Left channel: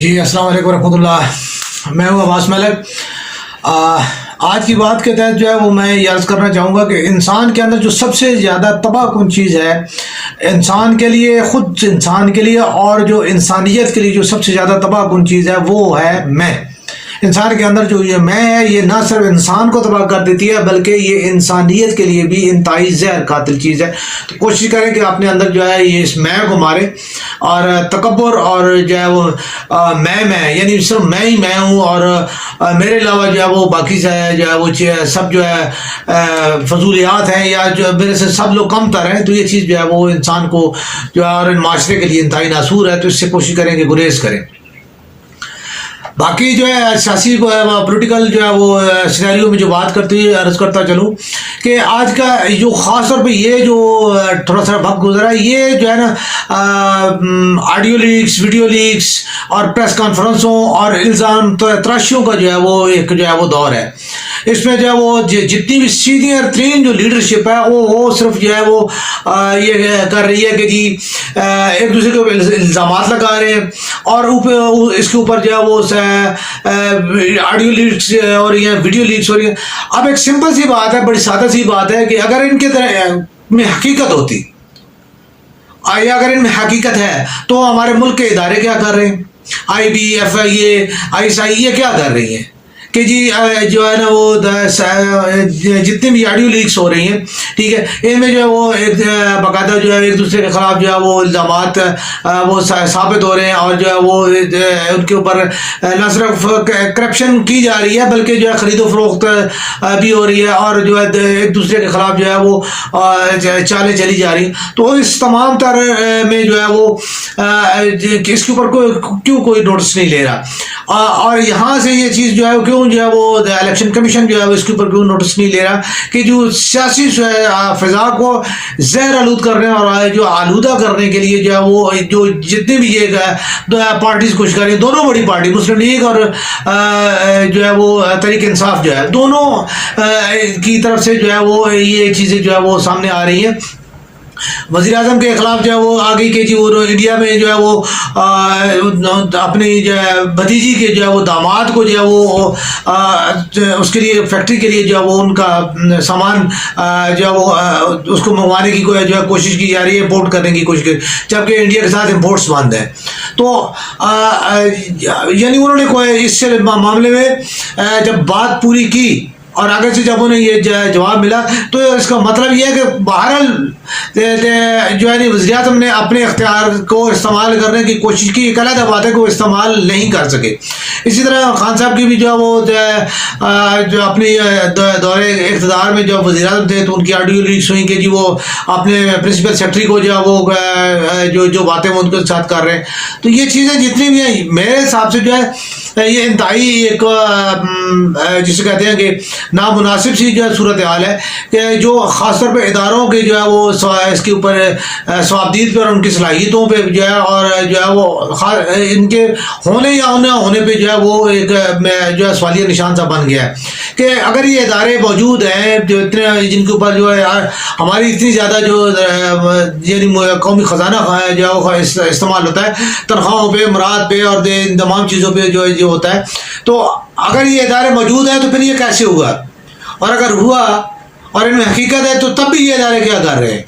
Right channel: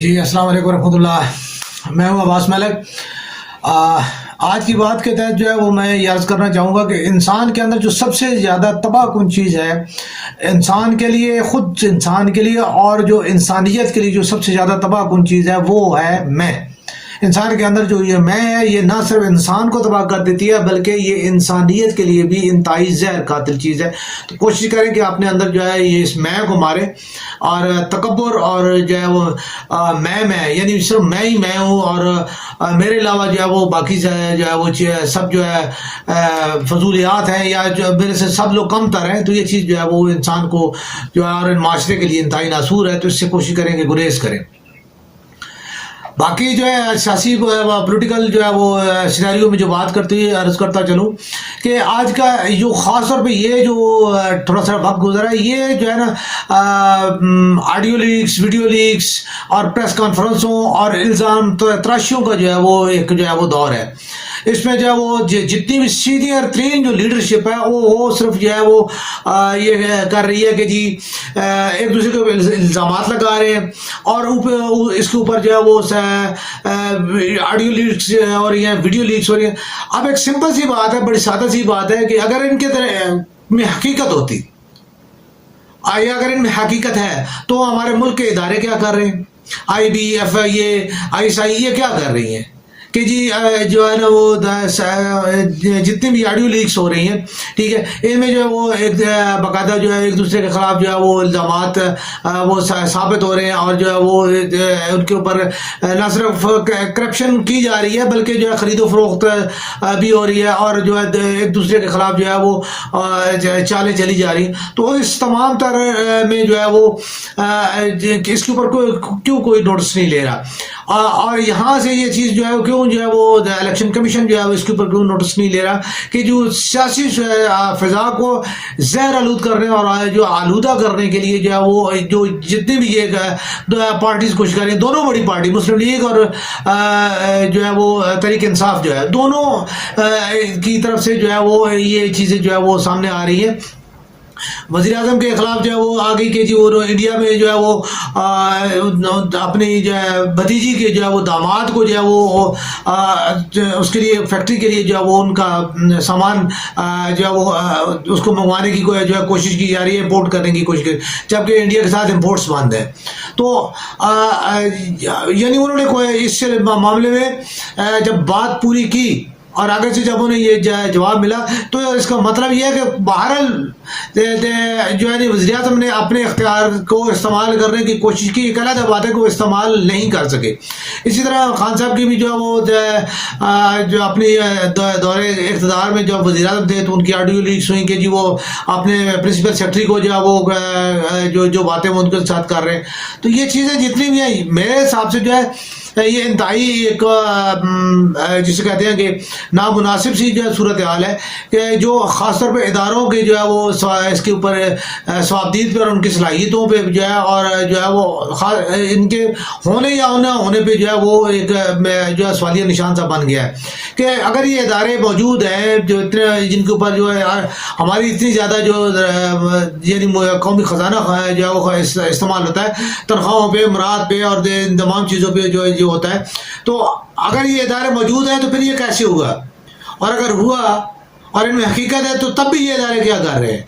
جی السلام علیکم ورحمۃ اللہ، میں ہوں عباس ملک۔ آج کی بات کے تحت جو ہے وہ میں یہ عرض کرنا چاہوں گا کہ انسان کے اندر جو سب سے زیادہ تباہ کن چیز ہے انسان کے لیے، خود انسان کے لیے اور جو انسانیت کے لیے جو سب سے زیادہ تباہ کن چیز ہے وہ ہے میں۔ انسان کے اندر جو یہ میں ہے یہ نہ صرف انسان کو تباہ کر دیتی ہے بلکہ یہ انسانیت کے لیے بھی انتہائی زہر قاتل چیز ہے۔ تو کوشش کریں کہ اپنے اندر جو ہے یہ اس میں کو مارے، اور تکبر اور جو ہے وہ میں یعنی صرف میں ہی میں ہوں اور میرے علاوہ جو ہے وہ باقی جو ہے وہ سب جو ہے فضولیات ہیں، یا جو میرے سے سب لوگ کم تر ہیں، تو یہ چیز جو ہے وہ انسان کو جو ہے اور معاشرے کے لیے انتہائی ناسور ہے۔ تو اس سے کوشش کریں کہ گریز کریں۔ باقی جو ہے سیاسی پولیٹیکل جو ہے وہ سینیریو میں جو بات کرتی ہے عرض کرتا چلوں کہ آج کا جو خاص طور پہ یہ جو تھوڑا سا وقت گزرا ہے، یہ جو ہے نا آڈیو لیکس، ویڈیو لیکس اور پریس کانفرنسوں اور الزام تراشیوں کا جو ہے وہ ایک جو ہے وہ دور ہے۔ اس میں جو ہے وہ جتنی بھی سینئر ترین جو لیڈرشپ ہے وہ صرف جو ہے وہ یہ کر رہی ہے کہ جی ایک دوسرے کے الزامات لگا رہے ہیں، اور اس کے اوپر جو ہے وہ آڈیو لیکس اور یہ ویڈیو لیکس ہو رہی ہے۔ اب ایک سمپل سی بات ہے، بڑی سادہ سی بات ہے کہ اگر ان کے میں حقیقت ہوتی، یا اگر ان میں حقیقت ہے تو ہمارے ملک کے ادارے کیا کر رہے ہیں؟ I B, F I A, I S I, یہ کیا کر رہی ہیں کہ جی جو ہے نا وہ جتنی بھی آڈیو لیکس ہو رہی ہیں، ٹھیک ہے، ان میں جو ہے وہ ایک باقاعدہ جو ہے ایک دوسرے کے خلاف جو ہے وہ الزامات وہ ثابت ہو رہے ہیں، اور جو ہے وہ ان کے اوپر نہ صرف کرپشن کی جا رہی ہے بلکہ جو ہے خرید و فروخت بھی ہو رہی ہے، اور جو ہے ایک دوسرے کے خلاف جو ہے وہ چالیں چلی جا رہی ہیں۔ تو اس تمام تر میں جو ہے وہ اس کے اوپر کیوں کوئی نوٹس نہیں لے رہا، اور یہاں سے یہ چیز جو ہے کیوں جو ہے وہ الیکشن کمیشن جو ہے اس کے اوپر کیوں نوٹس نہیں لے رہا کہ جو سیاسی فضا کو زہر آلود کرنے اور جو آلودہ کرنے کے لیے جو ہے وہ جو جتنی بھی یہ پارٹیز کوشش کر رہی ہیں، دونوں بڑی پارٹی مسلم لیگ اور جو ہے وہ تحریک انصاف جو ہے، دونوں کی طرف سے جو ہے وہ یہ چیزیں جو ہے وہ سامنے آ رہی ہیں۔ وزیر اعظم کے خلاف جو ہے وہ آگے کہ جی وہ انڈیا میں جو ہے وہ اپنی جو ہے بھتیجی کے جو ہے وہ داماد کو جو ہے وہ اس کے لیے فیکٹری کے لیے جو ہے وہ ان کا سامان جو ہے وہ اس کو منگوانے کی جو ہے کوشش کی جا رہی ہے، امپورٹ کرنے کی کوشش کی، جبکہ انڈیا کے ساتھ امپورٹس بند ہیں۔ تو یعنی انہوں نے کوئی اس معاملے میں جب بات پوری کی اور آگے سے جب انہیں یہ جواب ملا، تو اس کا مطلب یہ ہے کہ بہرحال جو ہے وزیر اعظم نے اپنے اختیار کو استعمال کرنے کی کوشش کی، ایک علیحدہ بات ہے کہ وہ استعمال نہیں کر سکے۔ اسی طرح خان صاحب کی بھی جو ہے وہ جو اپنی دورے اقتدار میں جو وزیر اعظم تھے تو ان کی آڈیو لیکس ہوئی کہ جی وہ اپنے پرنسپل سیکرٹری کو جو ہے وہ جو باتیں وہ ان کے ساتھ کر رہے ہیں۔ تو یہ چیزیں جتنی بھی ہیں میرے حساب سے جو ہے یہ انتہائی ایک جسے کہتے ہیں کہ نامناسب سی جو ہے صورتحال ہے کہ جو خاص طور پہ اداروں کے جو ہے وہ اس کے اوپر ثوابدید پہ اور ان کی صلاحیتوں پہ جو ہے اور جو ہے وہ ان کے ہونے یا نہ ہونے پہ جو ہے وہ ایک جو ہے سوالیہ نشان سا بن گیا ہے کہ اگر یہ ادارے موجود ہیں جو اتنے جن کے اوپر جو ہے ہماری اتنی زیادہ جو یعنی قومی خزانہ جو ہے وہ استعمال ہوتا ہے تنخواہوں پہ، امراض پہ اور ان تمام چیزوں پہ جو ہوتا ہے، تو اگر یہ ادارے موجود ہیں تو پھر یہ کیسے ہوا، اور اگر ہوا اور ان میں حقیقت ہے تو تب بھی یہ ادارے کیا کر رہے ہیں؟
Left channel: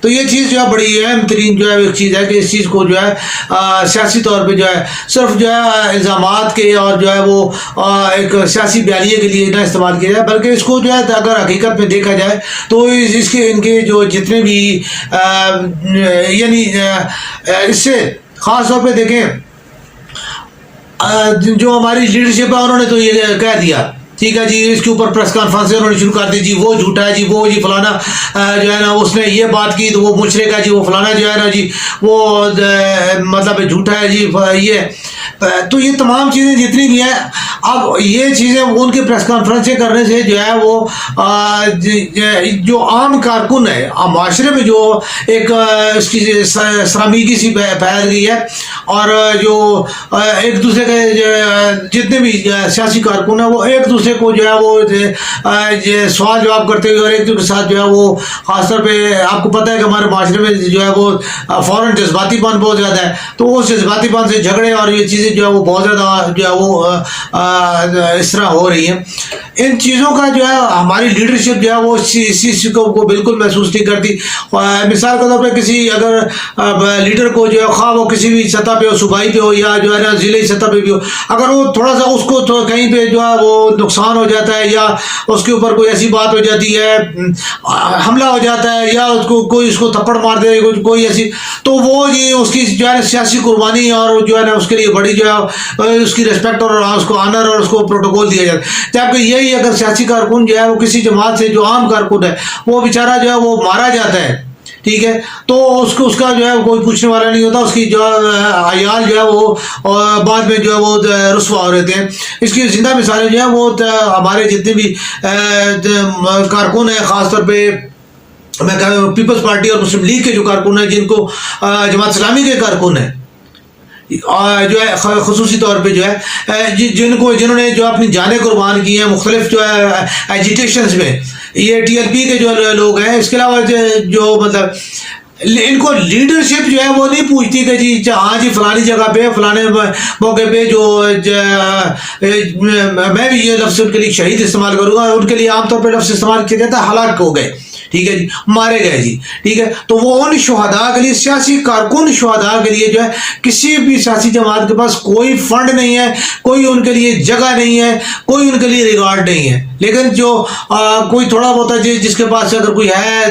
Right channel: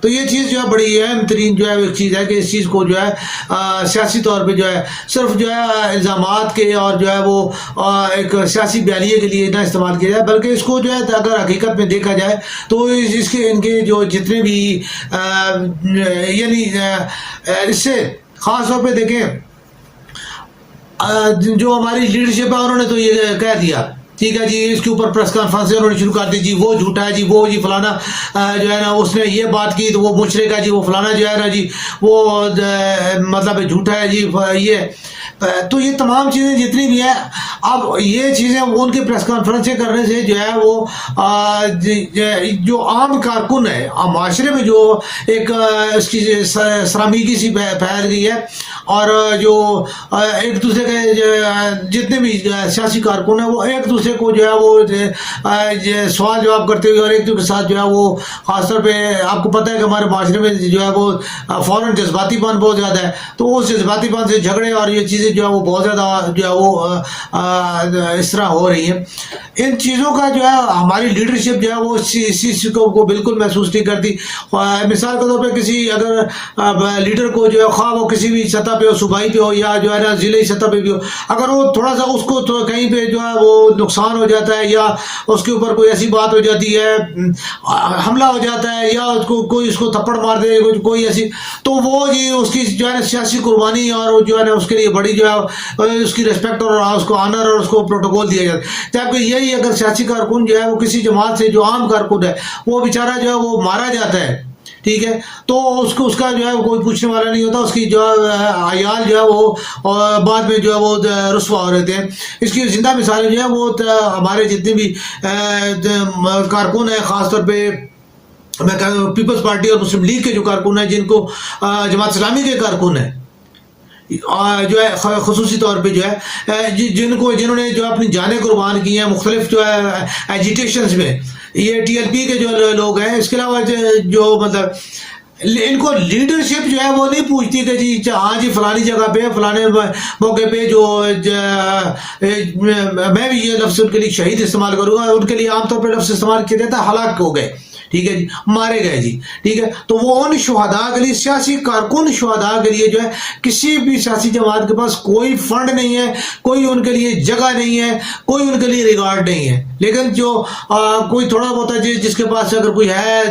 تو یہ چیز جو ہے بڑی اہم ترین جو ہے ایک چیز ہے کہ اس چیز کو جو ہے سیاسی طور پہ جو ہے صرف جو ہے الزامات کے اور جو ہے وہ ایک سیاسی بیانیے کے لیے نہ استعمال کیا جائے، بلکہ اس کو جو ہے اگر حقیقت میں دیکھا جائے تو اس کے ان کے جو جتنے بھی یعنی اس سے خاص طور پہ دیکھیں جو ہماری لیڈرشپ ہے انہوں نے تو یہ کہہ دیا، ٹھیک ہے جی، اس کے اوپر پریس کانفرنس انہوں نے شروع کر دی، جی وہ جھوٹا ہے، جی وہ جی فلانا جو ہے نا اس نے یہ بات کی تو وہ مشرک ہے، جی وہ فلانا جو ہے نا جی وہ مطلب جھوٹا ہے، جی یہ تو یہ تمام چیزیں جتنی بھی ہیں اب یہ چیزیں ان کی پریس کانفرنسیں کرنے سے جو ہے وہ جو عام کارکن ہے معاشرے میں جو ایک اس کی سرامیگی سی پھیل گئی ہے، اور جو ایک دوسرے کے جتنے بھی سیاسی کارکن ہیں وہ ایک دوسرے کو جو ہے وہ سوال جواب کرتے ہوئے اور ایک دوسرے کے ساتھ جو ہے وہ خاص طور پہ آپ کو پتہ ہے کہ ہمارے معاشرے میں جو ہے وہ فوراً جذباتی پن بہت زیادہ ہے، تو اس جذباتی پن سے جھگڑے اور یہ چیزیں جو ہے وہ بہت زیادہ جو ہے وہ اس طرح ہو رہی ہیں۔ ان چیزوں کا جو ہے ہماری لیڈرشپ جو ہے وہ اس چیز کو بالکل محسوس نہیں کرتی۔ مثال کے طور پہ کسی اگر لیڈر کو جو ہے خواہ وہ کسی بھی سطح پہ ہو، صوبائی پہ ہو یا جو ہے نا ضلعی سطح پہ بھی ہو، اگر وہ تھوڑا سا اس کو کہیں پہ جو ہے وہ نقصان ہو جاتا ہے یا اس کے اوپر کوئی ایسی بات ہو جاتی ہے، حملہ ہو جاتا ہے یا اس کو کوئی اس کو تھپڑ مار دے کوئی ایسی، تو وہ یہ اس کی جو ہے سیاسی قربانی اور جو ہے نا اس کے لیے بڑی جو ہے اس کی رسپیکٹ اور اس کو آنر اور اس کو پروٹوکول دیا جاتا ہے۔ جبکہ یہی اگر سیاسی کارکن جو ہے وہ کسی جماعت سے جو عام کارکن ہے وہ بیچارہ جو ہے وہ مارا جاتا ہے، ٹھیک ہے، تو اس کا جو ہے کوئی پوچھنے والا نہیں ہوتا، اس کی جو عیال جو ہے وہ بعد میں جو ہے وہ رسوا ہو رہتے ہیں۔ اس کی زندہ مثالیں جو ہے وہ ہمارے جتنے بھی کارکن ہیں، خاص طور پہ میں کہہ رہا ہوں پیپلز پارٹی اور مسلم لیگ کے جو کارکن ہیں، جن کو جماعت اسلامی کے کارکن ہیں جو ہے خصوصی طور پہ جو ہے جنہوں نے جو اپنی جانیں قربان کی ہیں مختلف جو ہے ایجیٹیشنز میں، یہ ٹی ایل پی کے جو لوگ ہیں، اس کے علاوہ جو مطلب ان کو لیڈرشپ جو ہے وہ نہیں پوچھتی کہ جی ہاں جی فلانی جگہ پہ فلانے موقع پہ جو میں بھی یہ لفظ ان کے لیے شہید استعمال کروں گا، ان کے لیے عام طور پہ لفظ استعمال کیا جاتا ہے ہلاک ہو گئے، ٹھیک ہے جی، مارے گئے جی، ٹھیک ہے، تو وہ ان شہداء کے لیے، سیاسی کارکن شہداء کے لیے جو ہے کسی بھی سیاسی جماعت کے پاس کوئی فنڈ نہیں ہے، کوئی ان کے لیے جگہ نہیں ہے، کوئی ان کے لیے ریگارڈ نہیں ہے۔ لیکن جو کوئی تھوڑا بہت ہے جس کے پاس اگر کوئی ہے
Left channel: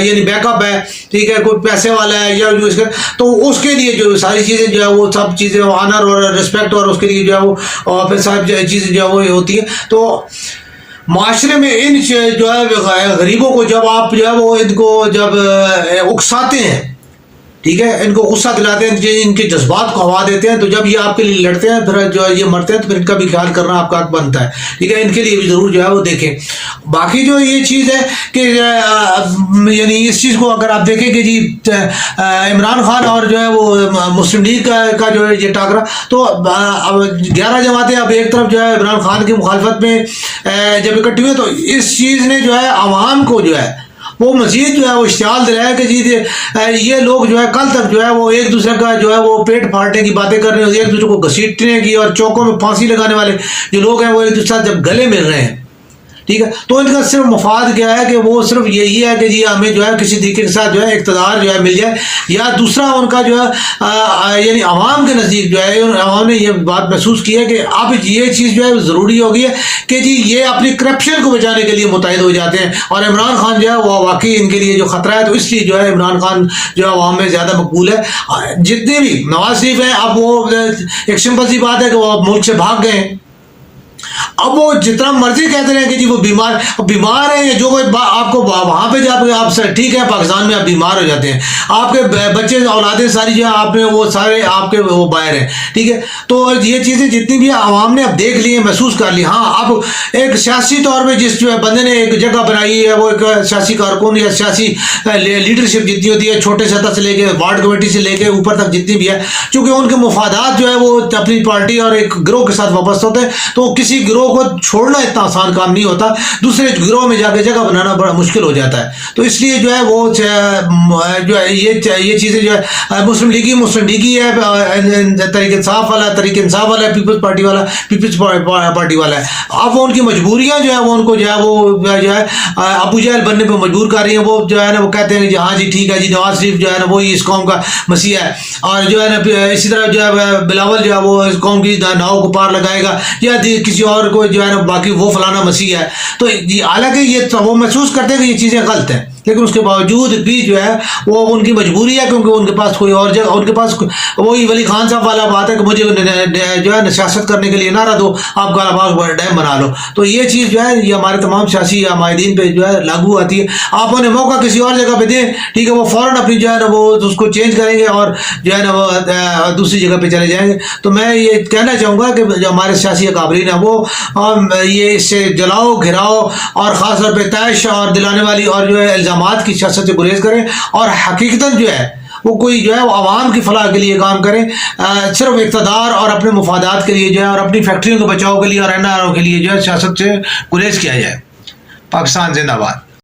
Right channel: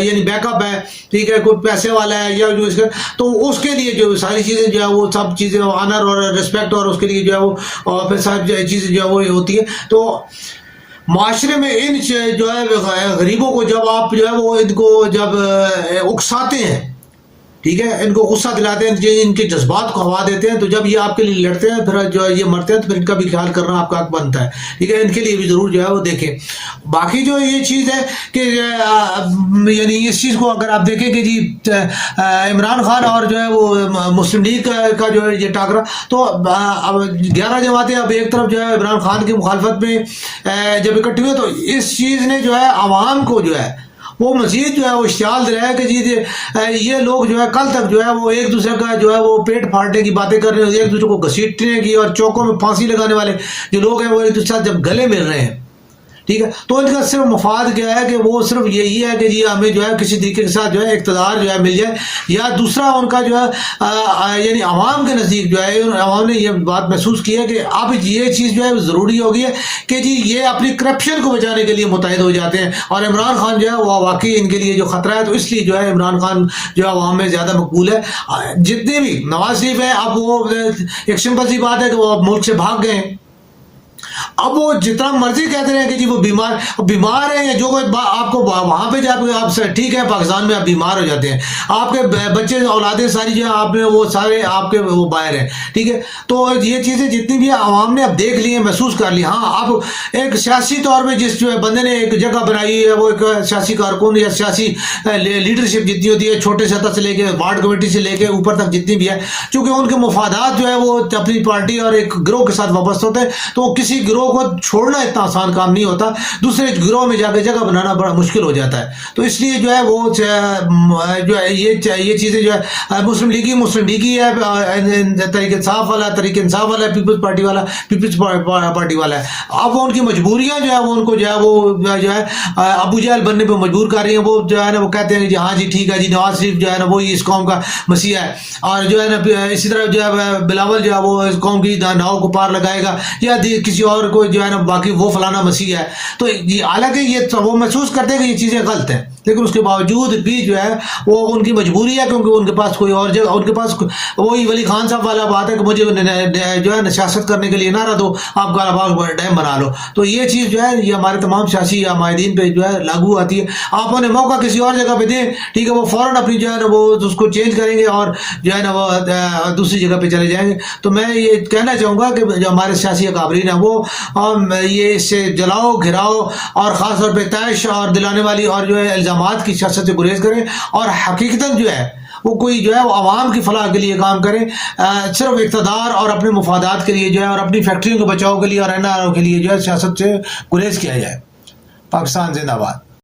یعنی بیک اپ ہے، ٹھیک ہے، کوئی پیسے والا ہے یا جو اس کا، تو اس کے لیے جو ساری چیزیں جو ہے وہ سب چیزیں آنر اور رسپیکٹ اور اس کے لیے جو ہے وہ پھر ساری چیزیں جو ہے وہ ہوتی ہیں۔ تو معاشرے میں ان جو ہے غریبوں کو جب آپ جو ہے وہ ان کو جب اکساتے ہیں، ٹھیک ہے، ان کو غصہ دلاتے ہیں، ان کے جذبات کو ہوا دیتے ہیں، تو جب یہ آپ کے لیے لڑتے ہیں پھر جو ہے یہ مرتے ہیں تو پھر ان کا بھی خیال کرنا آپ کا حق بنتا ہے، ٹھیک ہے، ان کے لیے بھی ضرور جو ہے وہ دیکھیں۔ باقی جو یہ چیز ہے کہ یعنی اس چیز کو اگر آپ دیکھیں کہ جی عمران خان اور جو ہے وہ مسلم لیگ کا جو ہے یہ ٹاکرا، تو 11 جماعتیں اب ایک طرف جو ہے عمران خان کی مخالفت میں جب اکٹھی ہوئے، تو اس چیز نے جو ہے عوام کو جو ہے وہ مزید جو ہے وہ اشتعال دلایا کہ جی یہ لوگ جو ہے کل تک جو ہے وہ ایک دوسرے کا جو ہے وہ پیٹ پھاڑنے کی باتیں کر رہے ہیں، ایک دوسرے کو گھسیٹنے کی اور چوکوں میں پھانسی لگانے والے جو لوگ ہیں وہ ایک دوسرے سے جب گلے مل رہے ہیں، ٹھیک ہے، تو ان کا صرف مفاد کیا ہے کہ وہ صرف یہی ہے کہ جی ہمیں جو ہے کسی طریقے کے ساتھ جو ہے اقتدار جو ہے مل جائے، یا دوسرا ان کا جو ہے یعنی عوام کے نزدیک جو ہے عوام نے یہ بات محسوس کی ہے کہ اب یہ چیز جو ہے ضروری ہو گئی ہے کہ جی یہ اپنی کرپشن کو بچانے کے لیے متحد ہو جاتے ہیں، اور عمران خان جو ہے وہ واقعی ان کے لیے جو خطرہ ہے، تو اس لیے جو ہے عمران خان جو ہے عوام میں زیادہ مقبول ہے۔ جتنے بھی نواز شریف ہیں، اب وہ ایک سمپل سی بات ہے کہ وہ ملک سے بھاگ گئے ہیں، اب وہ جتنا مرضی کہتے رہے کہ جی وہ بیمار ہیں، جو آپ کو وہاں پہ جا کے آپ سے ٹھیک ہے پاکستان میں آپ بیمار ہو جاتے ہیں، آپ کے بچے اولادیں ساری جو آپ نے وہ سارے آپ کے وہ باہر ہیں، ٹھیک ہے، تو یہ چیزیں جتنی بھی عوام نے اب دیکھ لی ہیں، محسوس کر لی۔ ہاں اب ایک سیاسی طور پہ جس بندے نے ایک جگہ بنائی ہے، وہ ایک سیاسی کارکن یا سیاسی لیڈرشپ جتنی ہوتی ہے چھوٹے سطح سے لے کے وارڈ کمیٹی سے لے کے اوپر تک جتنی بھی ہے، چونکہ ان کے مفادات جو ہے وہ اپنی پارٹی اور ایک گروہ کے ساتھ وابستہ ہوتے ہیں، تو کسی گروہ کو چھوڑنا اتنا آسان کام نہیں ہوتا، دوسرے گروہ میں جا کے جگہ بنانا بڑا مشکل ہو جاتا ہے۔ تو اس لیے جو ہے وہ جو ہے یہ چیزیں جو ہے مسلم لیگی ہے، تحریک انصاف والا پیپلز پارٹی والا ہے۔ اب وہ ان کی مجبوریاں جو ہے وہ ان کو جو ہے وہ جو ہے ابو جہل بننے پہ مجبور کر رہی ہیں۔ وہ جو ہے نا وہ کہتے ہیں کہ ہاں جی ٹھیک ہے جی نواز شریف جو ہے نا وہی اس قوم کا مسیح ہے، اور جو ہے نا اسی طرح جو ہے بلاول جو ہے وہ اس قوم کی ناؤ کو پار لگائے گا، یا کسی اور کو جو ہے نا باقی وہ فلانا مسیح ہے۔ تو حالانکہ یہ وہ محسوس کرتے ہیں کہ یہ چیزیں غلط ہیں۔ لیکن اس کے باوجود بھی جو ہے وہ ان کی مجبوری ہے کیونکہ ان کے پاس کوئی اور جگہ، ان کے پاس وہی ولی خان صاحب والا بات ہے کہ مجھے جو ہے سیاست کرنے کے لیے نہ رہ دو، آپ کالا باغ ڈیم بنا لو. تو یہ چیز جو ہے یہ ہمارے تمام سیاسی مائدین پہ جو ہے لاگو آتی ہے. آپ انہیں موقع کسی اور جگہ پہ دیں، ٹھیک ہے، وہ فوراً اپنی جو ہے نا وہ اس کو چینج کریں گے اور جو ہے نا وہ دوسری جگہ پہ چلے جائیں گے. تو میں یہ کہنا چاہوں گا کہ جو ہمارے سیاسی اکابرین ہیں وہ یہ اس سے جلاؤ گھراؤ اور خاص طور پہ طیش اور دلانے والی اور جو ہے الزامات کی سیاست سے گریز کریں اور حقیقتاً جو ہے وہ کوئی جو ہے وہ عوام کی فلاح کے لیے کام کریں. صرف اقتدار اور اپنے مفادات کے لیے جو ہے اور اپنی فیکٹریوں کے بچاؤ کے لیے اور NRO کے لیے جو ہے سیاست سے گریز کیا جائے. پاکستان زندہ باد.